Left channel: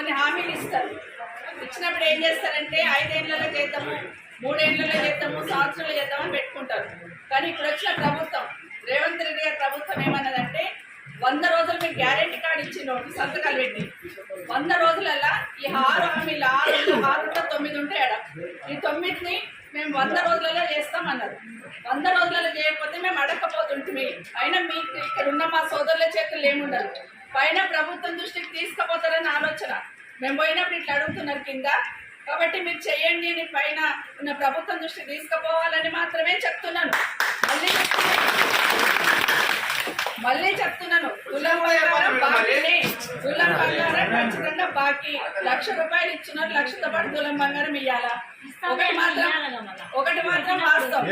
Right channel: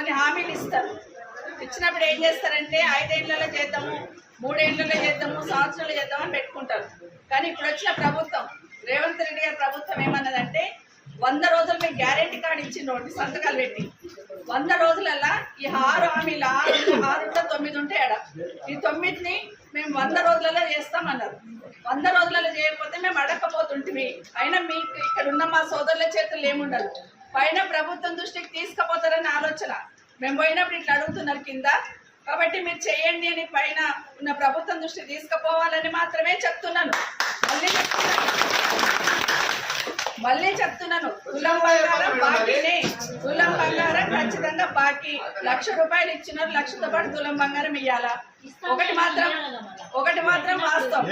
కొన్ని హామీలు ఇస్తారు. ఇచ్చినప్పుడు ఏం చేస్తారంటే 5 ఏళ్లలో చేద్దాము, 3 ఏళ్లలో చేద్దాము, సంవత్సరాలు చేద్దామని పెట్టుకుంటారు. కానీ ఇప్పుడు వచ్చిన ప్రభుత్వం, రేవంత్ రెడ్డి గారి ప్రభుత్వం ఏమన్నదంటే 100 రోజులు మీకు గ్యారెంటీ కార్డు ఇచ్చిండు సంతకాలు పెట్టి. 100 రోజులల్లా ఈ 6 హామీలు 6 9 ఉంటాయి ఆడ. ఈ 9ని మేము 100 రోజులలో చేస్తామన్నారు. 100 రోజులలో చేయకపోతే మేము అడగకపోతుంటిమి. అయినా మీకు ఇక్కడ ఉన్న మా సోదరుల చేతులు ఏముండదు. పైన ప్రభుత్వం దృష్టికి తీసుకుపోతారని ఆలోచన. మేము పోయినప్పుడు ఇట్లా అడుగుతున్నారు కింద, కాబట్టి మీరు చేయండి అని పైన ఉన్న ప్రభుత్వం దృష్టికి తీసుకుపోవాలని మాత్రమే చెప్తున్నాను. మళ్ళీ చెప్తున్నాను, తులం బంగారం బాకీనే. తులం బంగారం ఖచ్చితంగా బాకీ. 1,00,000 రూపాయలు ఇచ్చినారు, 1,00,000తో పాటు తులం బంగారం ఇవ్వాలా. ఒకటి మాత్రం వాస్తవం.